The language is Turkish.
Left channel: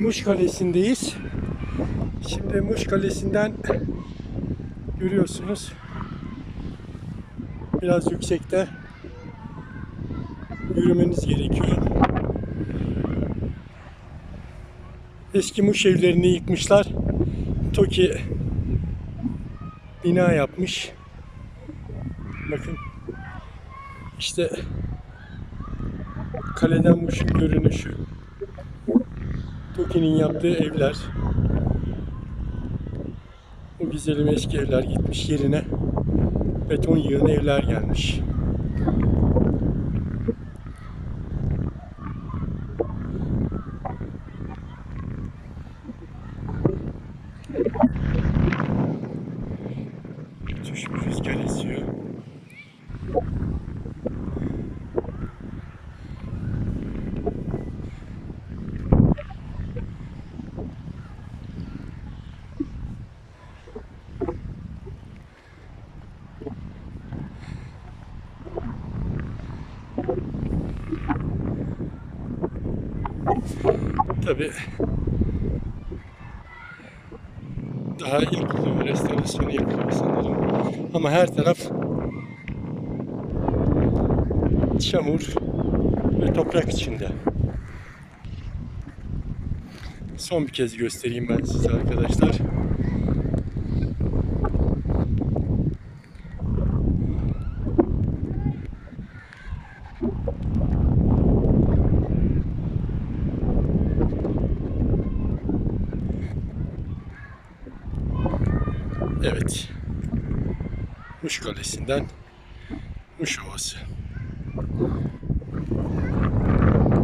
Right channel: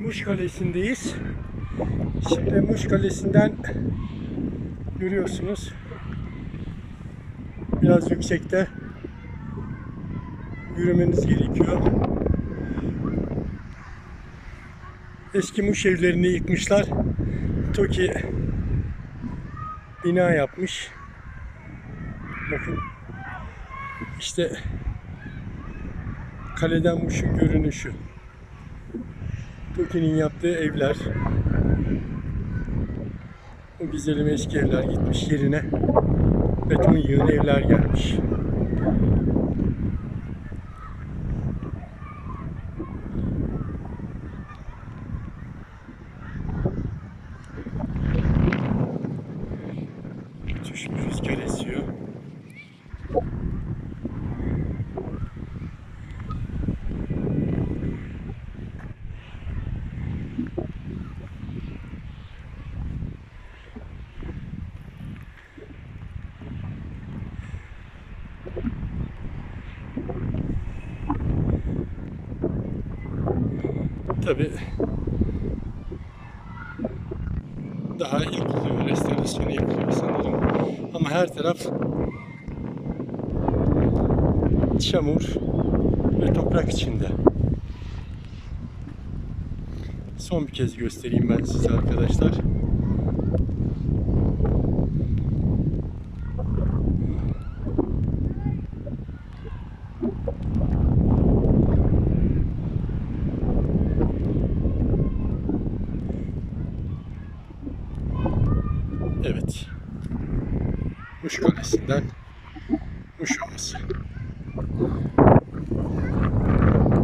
Muş Kalesi'ndeyiz. Şimdi Muş Kalesi'nden görüyorsunuz. Biraz yüksekte yürümeniz gerekiyor. Eski Muş evlerini yıkmışlar. TOKİ bina yapmış. Bakın işte kaleden Muş'un görünüşü. TOKİ'nin yaptığı evler. O güzelim eski evler gitmiş yerine beton yığın evler gelmiş. Müthiş bir rüzgar esiyor. Tabii daha yapılıyor, restorasyonu yapılıyor sanırım. Ama her taraf çamur ve toprak içinde. Son bir kez göstereyim ben size arkadaşlar. Evet. Muş Kalesi'nden Muş Ovası.